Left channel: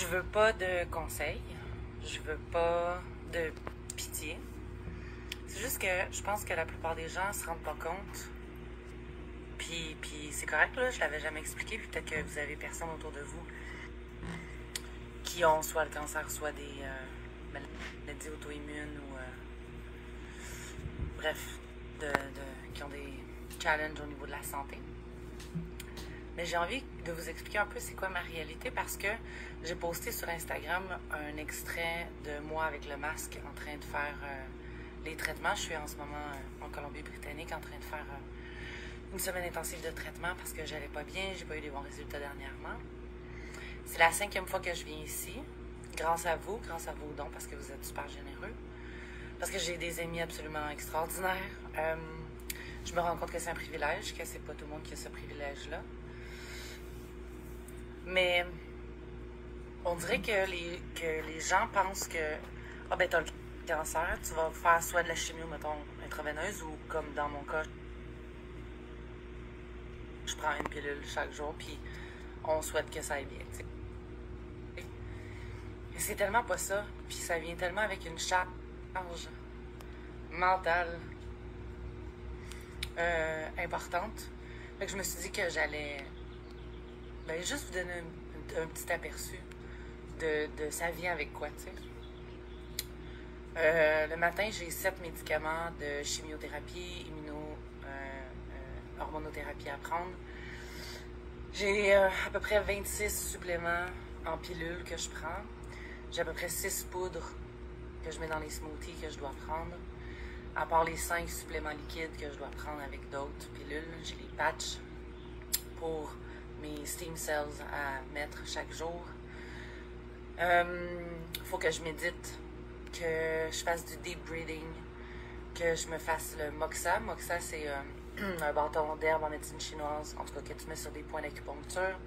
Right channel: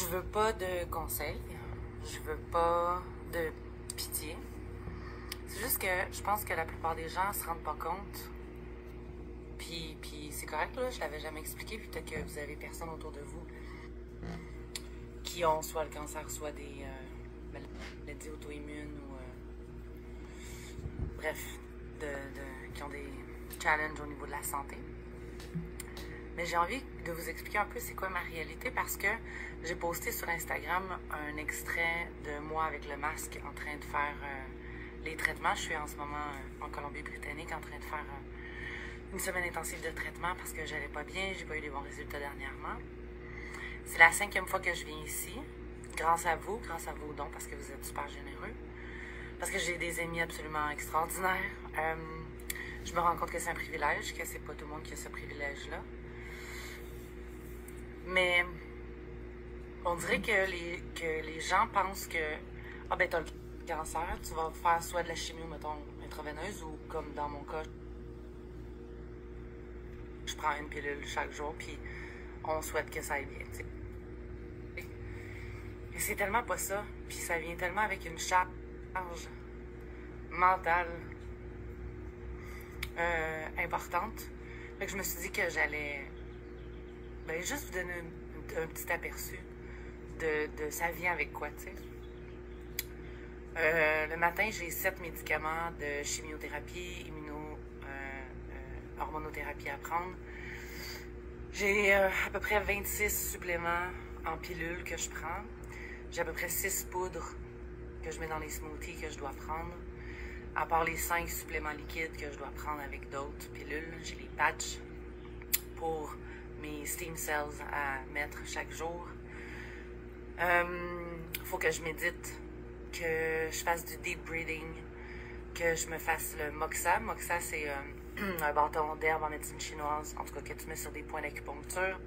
Je veux pas de conseils, je veux pas de pitié. C'est juste que je pense que la plupart des gens se rendent pas compte. Puis c'est correct, là, je l'avais jamais expliqué, puis peut-être que vous avez personne autour de vous qui ont soit le cancer, soit des maladies auto-immunes ou bref, qui ont des challenges au niveau de la santé. Mais j'ai envie de vous expliquer un peu c'est quoi ma réalité parce que j'ai posté sur Instagram un extrait de moi avec le masque en train de faire les traitements. Je suis en ce moment en Colombie-Britannique en train de faire une semaine intensive de traitement parce que j'allais pas bien, j'ai pas eu des bons résultats dernièrement. C'est la 5e fois que je viens ici, grâce à vous, grâce à vos dons, parce que vous êtes super généreux, parce que j'ai des amis absolument extraordinaires. Je me rends compte que c'est un privilège, que c'est pas tout le monde qui a ce privilège-là. Mais on dirait que les gens pensent que ah ben t'as le cancer, tu vas faire soit de la chimio, mettons, intraveineuse, ou comme dans mon cas, je prends une pilule chaque jour, puis on souhaite que ça aille bien, tu sais. Mais c'est tellement pas ça, puis ça vient tellement avec une charge mentale importante. Fait que je me suis dit que j'allais juste vous donner un petit aperçu de ça vient avec quoi, tu sais. Le matin, j'ai 7 médicaments de chimiothérapie, hormonothérapie à prendre. J'ai à peu près 26 suppléments en pilules que je prends. J'ai à peu près 6 poudres que je mets dans les smoothies que je dois prendre. À part les 5 suppléments liquides que je dois prendre avec d'autres pilules, j'ai les patchs pour mes stem cells à mettre chaque jour. Faut que je médite, que je fasse du deep breathing, que je me fasse le moxa. Moxa, c'est un bâton d'herbe en médecine chinoise, en tout cas que tu mets sur des points d'acupuncture.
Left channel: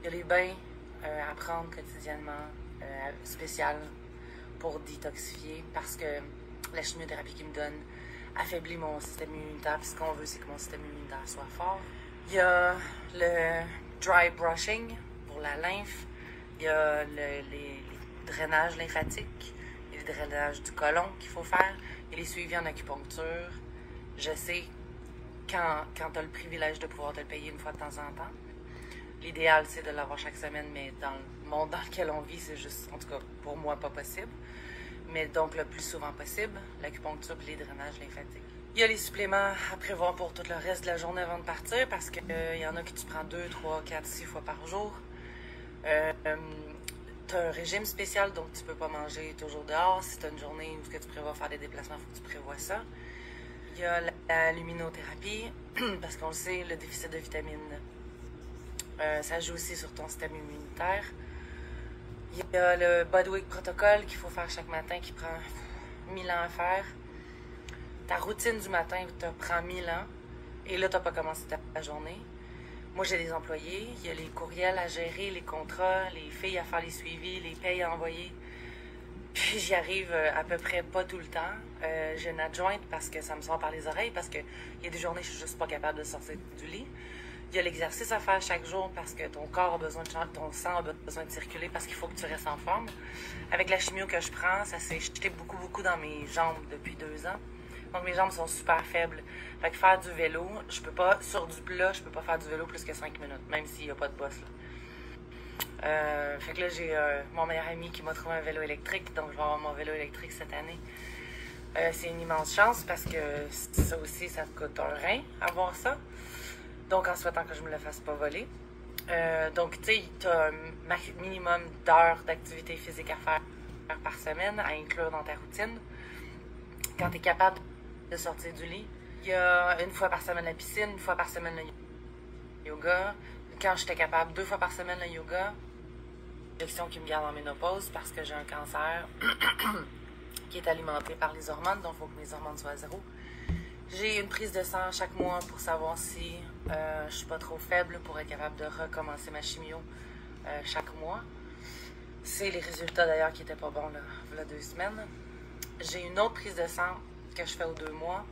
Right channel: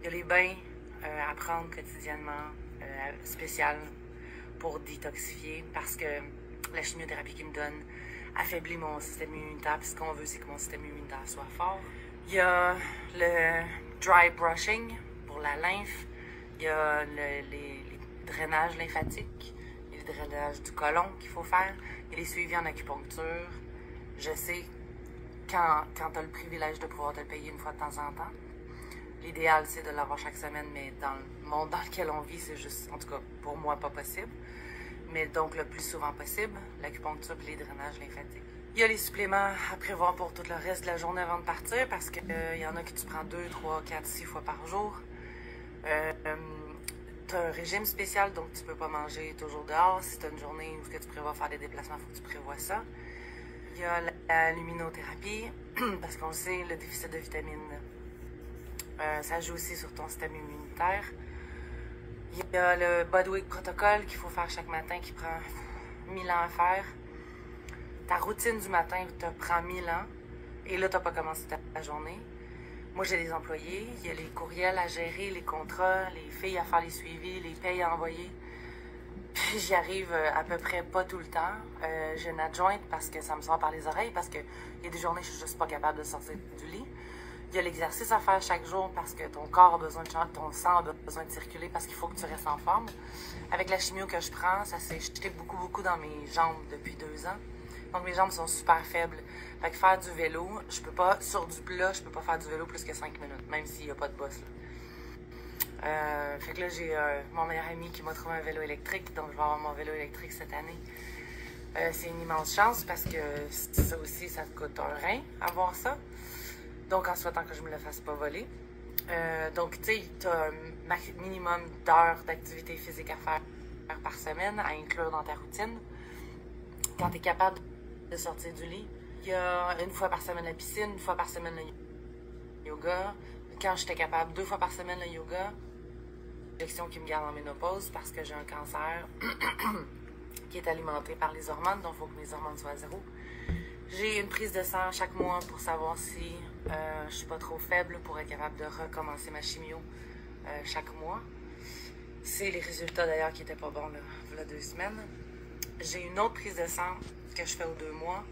Il y a les bains à prendre quotidiennement, spécial pour détoxifier, parce que la chimiothérapie qu'ils me donnent affaiblit mon système immunitaire, puis ce qu'on veut, c'est que mon système immunitaire soit fort. Il y a le dry brushing pour la lymphe, il y a les drainages lymphatiques, il y a le drainage du côlon qu'il faut faire, il y a les suivis en acupuncture. Je sais, quand tu as le privilège de pouvoir te le payer une fois de temps en temps, l'idéal c'est de l'avoir chaque semaine, mais dans le monde dans lequel on vit, c'est juste, en tout cas pour moi, pas possible. Mais donc le plus souvent possible, l'acupuncture et les drainages lymphatiques. Il y a les suppléments à prévoir pour tout le reste de la journée avant de partir parce qu'il y en a que tu prends 2, 3, 4, 6 fois par jour. Tu as un régime spécial, donc tu peux pas manger toujours dehors. Si tu as une journée où tu prévois faire des déplacements, il faut que tu prévois ça. Il y a la luminothérapie, parce qu'on le sait, le déficit de vitamines, ça joue aussi sur ton système immunitaire. Il y a le Bodyweight Protocol qu'il faut faire chaque matin qui prend 1000 ans à faire. Ta routine du matin te prend 1000 ans et là, tu n'as pas commencé ta journée. Moi, j'ai des employés, il y a les courriels à gérer, les contrats, les filles à faire les suivis, les payes à envoyer. Puis j'y arrive à peu près pas tout le temps. J'ai une adjointe parce que ça me sort par les oreilles, parce qu'il y a des journées où je suis juste pas capable de sortir du lit. Il y a l'exercice à faire chaque jour parce que ton corps a besoin de changer, ton sang a besoin de circuler parce qu'il faut que tu restes en forme. Avec la chimio que je prends, ça s'est jeté beaucoup dans mes jambes depuis 2 ans. Donc mes jambes sont super faibles. Fait que faire du vélo, je peux pas, sur du plat, je peux pas faire du vélo plus que 5 minutes, même s'il n'y a pas de boss là. Fait que là, j'ai mon meilleur ami qui m'a trouvé un vélo électrique, donc je vais avoir mon vélo électrique cette année. C'est une immense chance parce que ça aussi, ça te coûte un rein avoir ça. Donc, en souhaitant que je me le fasse pas voler. Donc, tu sais, tu as un minimum d'heures d'activité physique à faire par semaine, à inclure dans ta routine. Quand tu es capable de sortir du lit, il y a 1 fois par semaine la piscine, 1 fois par semaine le yoga. Quand j'étais capable, 2 fois par semaine le yoga. Injection qui me garde en ménopause parce que j'ai un cancer qui est alimenté par les hormones, donc il faut que mes hormones soient à 0. J'ai une prise de sang chaque mois pour savoir si je suis pas trop faible pour être capable de recommencer ma chimio chaque mois. C'est les résultats d'ailleurs qui étaient pas bons là, il y a 2 semaines. J'ai une autre prise de sang que je fais aux 2 mois,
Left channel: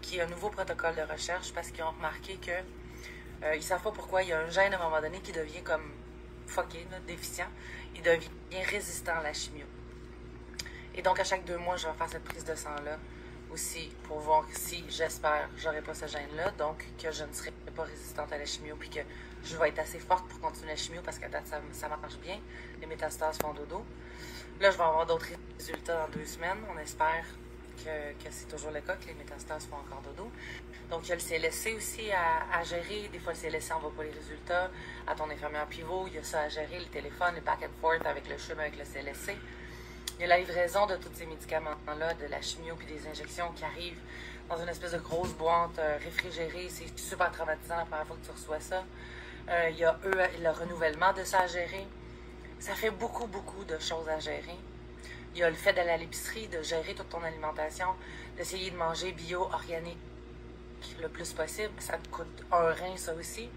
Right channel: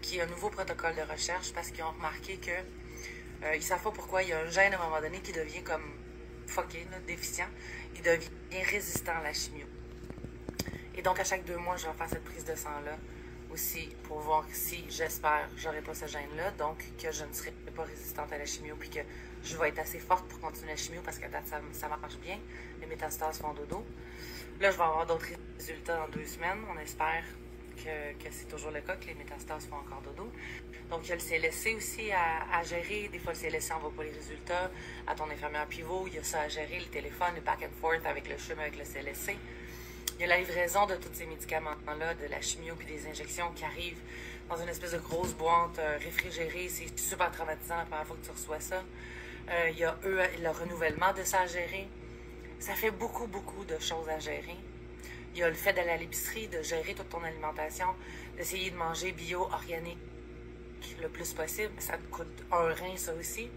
qui est un nouveau protocole de recherche parce qu'ils ont remarqué que ils savent pas pourquoi il y a un gène à un moment donné qui devient comme fucké, là, déficient, il devient résistant à la chimio. Et donc, à chaque 2 mois, je vais faire cette prise de sang-là aussi pour voir si, j'espère, j'aurai pas ce gène-là, donc que je ne serai pas résistante à la chimio, puis que je vais être assez forte pour continuer la chimio parce qu'à date, ça marche bien. Les métastases font dodo. Là, je vais avoir d'autres résultats dans 2 semaines. On espère que c'est toujours le cas, que les métastases font encore dodo. Donc, il y a le CLSC aussi à gérer. Des fois, le CLSC n'envoie pas les résultats à ton infirmière pivot. Il y a ça à gérer, le téléphone, le back and forth avec le CHUM, avec le CLSC. Il y a la livraison de tous ces médicaments-là, de la chimio puis des injections qui arrivent dans une espèce de grosse boîte réfrigérée. C'est super traumatisant la première fois que tu reçois ça. Il y a le renouvellement de ça à gérer. Ça fait beaucoup, beaucoup de choses à gérer. Il y a le fait d'aller à l'épicerie, de gérer toute ton alimentation, d'essayer de manger bio, organique le plus possible. Ça te coûte un rein, ça aussi.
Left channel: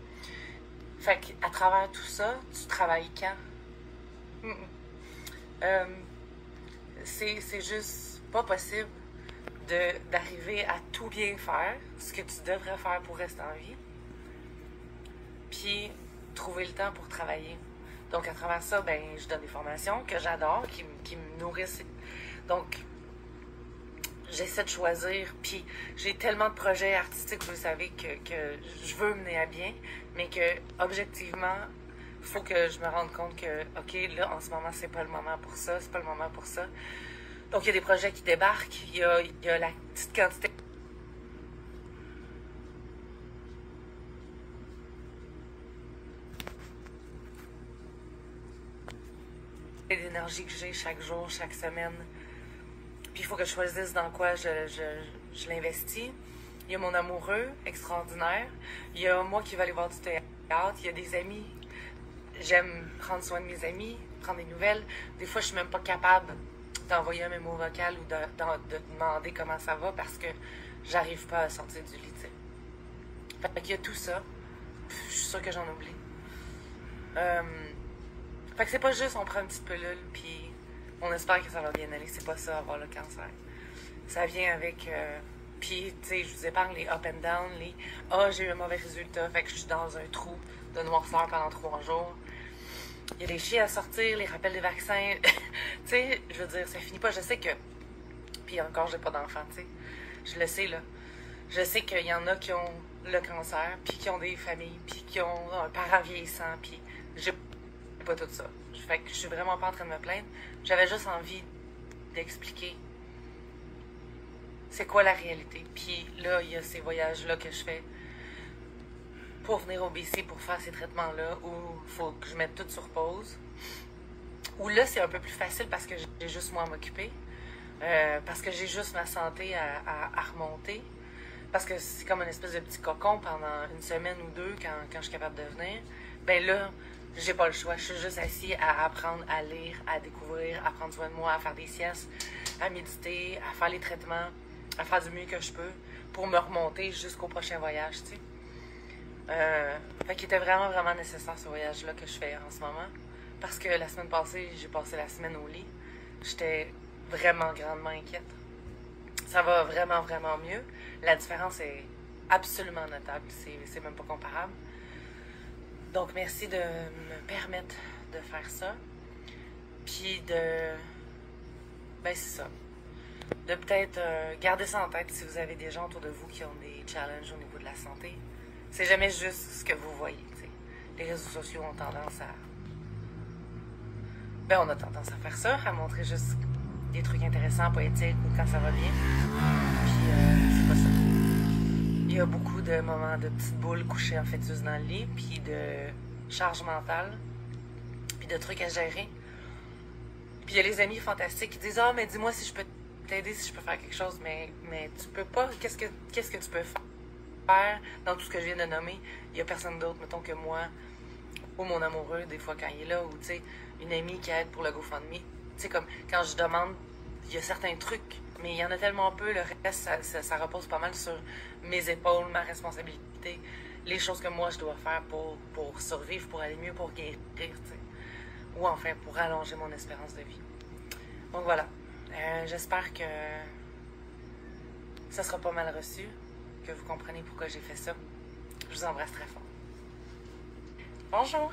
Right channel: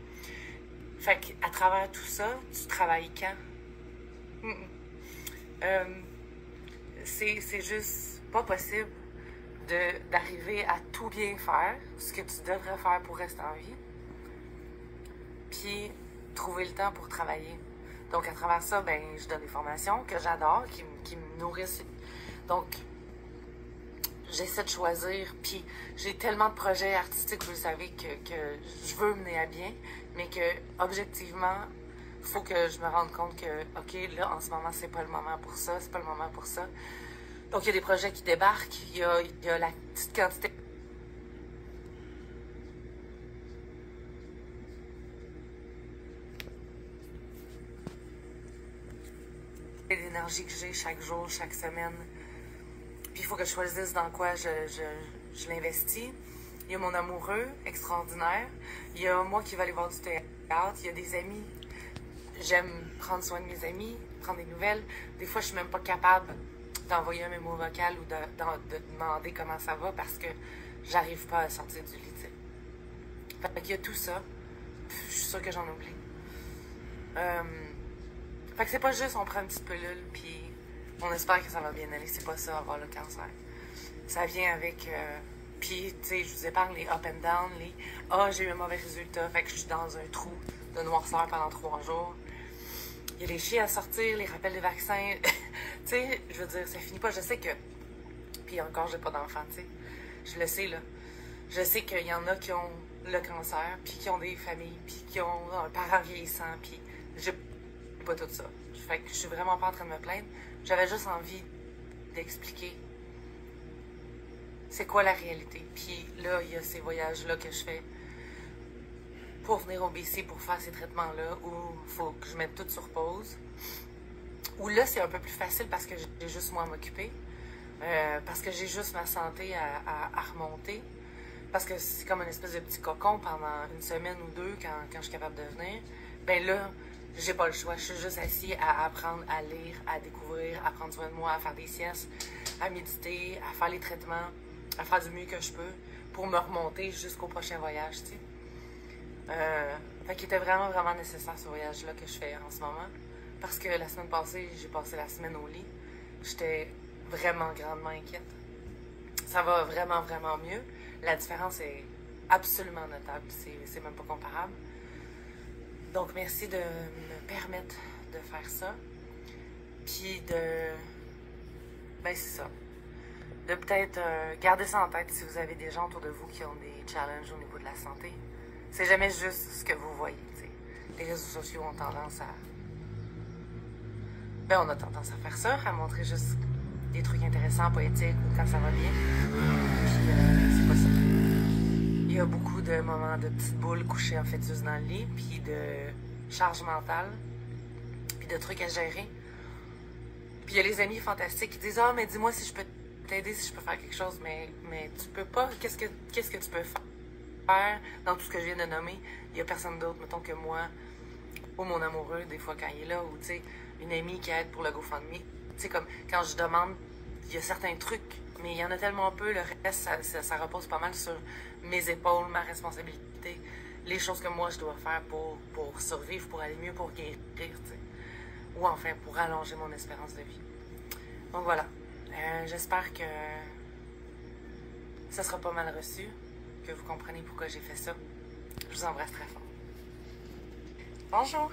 Fait qu'à travers tout ça, tu travailles quand? C'est juste pas possible d'arriver à tout bien faire, ce que tu devrais faire pour rester en vie, puis trouver le temps pour travailler. Donc, à travers ça, ben, je donne des formations que j'adore, qui me nourrissent. Donc, j'essaie de choisir, puis j'ai tellement de projets artistiques, vous le savez, que je veux mener à bien, mais que, objectivement, il faut que je me rende compte que, OK, là, en ce moment, c'est pas le moment pour ça, c'est pas le moment pour ça. Donc, il y a des projets qui débarquent, il y a la petite quantité d'énergie que j'ai chaque jour, chaque semaine. Puis, il faut que je choisisse dans quoi je l'investis. Il y a mon amoureux extraordinaire. Il y a moi qui vais aller voir du théâtre. Il y a des amis. J'aime prendre soin de mes amis, prendre des nouvelles. Des fois, je suis même pas capable d'envoyer un mémo vocal ou de demander comment ça va parce que j'arrive pas à sortir du lit, t'sais. Fait qu'il y a tout ça. Je suis sûre que j'en oublie. Fait que c'est pas juste on prend une petite pilule puis on espère que ça va bien aller. C'est pas ça, avoir le cancer. Ça vient avec... puis, tu sais, je vous épargne les up and down, les « Ah, j'ai eu un mauvais résultat, fait que je suis dans un trou de noirceur pendant 3 jours. » Il y a des chiens à sortir, les rappels des vaccins. Tu sais, je veux dire, ça finit pas. Je sais que... Puis encore, j'ai pas d'enfant, tu sais. Je le sais, là. Je sais qu'il y en a qui ont le cancer, puis qui ont des familles, puis qui ont un parent vieillissant, puis j'ai pas tout ça. Fait que je suis vraiment pas en train de me plaindre. J'avais juste envie d'expliquer c'est quoi la réalité. Puis là, il y a ces voyages-là que je fais pour venir au BC pour faire ces traitements-là où il faut que je mette tout sur pause. Où là, c'est un peu plus facile parce que j'ai juste moi à m'occuper. Parce que j'ai juste ma santé à remonter. Parce que c'est comme une espèce de petit cocon pendant 1 semaine ou 2 quand je suis capable de venir. Ben là, j'ai pas le choix. Je suis juste assis à apprendre, à lire, à découvrir, à prendre soin de moi, à faire des siestes, à méditer, à faire les traitements, à faire du mieux que je peux pour me remonter jusqu'au prochain voyage, tu sais. Fait qu'il était vraiment, vraiment nécessaire ce voyage-là que je fais en ce moment. Parce que la semaine passée, j'ai passé la semaine au lit. J'étais vraiment grandement inquiète. Ça va vraiment, vraiment mieux. La différence est absolument notable. C'est même pas comparable. Donc, merci de me permettre de faire ça. Puis de... Ben, c'est ça. De peut-être garder ça en tête si vous avez des gens autour de vous qui ont des challenges au niveau de la santé. C'est jamais juste ce que vous voyez, t'sais. Les réseaux sociaux ont tendance à... Ben, on a tendance à faire ça, à montrer juste des trucs intéressants, poétiques, ou quand ça va bien. Puis, c'est pas ça. Il y a beaucoup de moments de petites boules couchées en fœtus dans le lit, puis de charge mentale, puis de trucs à gérer. Puis il y a les amis fantastiques qui disent « Ah, mais dis-moi si je peux t'aider, si je peux faire quelque chose. » Mais tu peux pas. Qu'est-ce que tu peux faire dans tout ce que je viens de nommer? Il y a personne d'autre, mettons, que moi, ou mon amoureux, des fois, quand il est là, ou, tu sais, une amie qui aide pour le GoFundMe. Tu sais, comme, quand je demande, il y a certains trucs, mais il y en a tellement peu, le reste, ça repose pas mal sur mes épaules, ma responsabilité, les choses que moi, je dois faire pour survivre, pour aller mieux, pour guérir, tu sais. Ou enfin, pour allonger mon espérance de vie. Donc, voilà. J'espère que ça sera pas mal reçu, que vous comprenez pourquoi j'ai fait ça. Je vous embrasse très fort. Bonjour!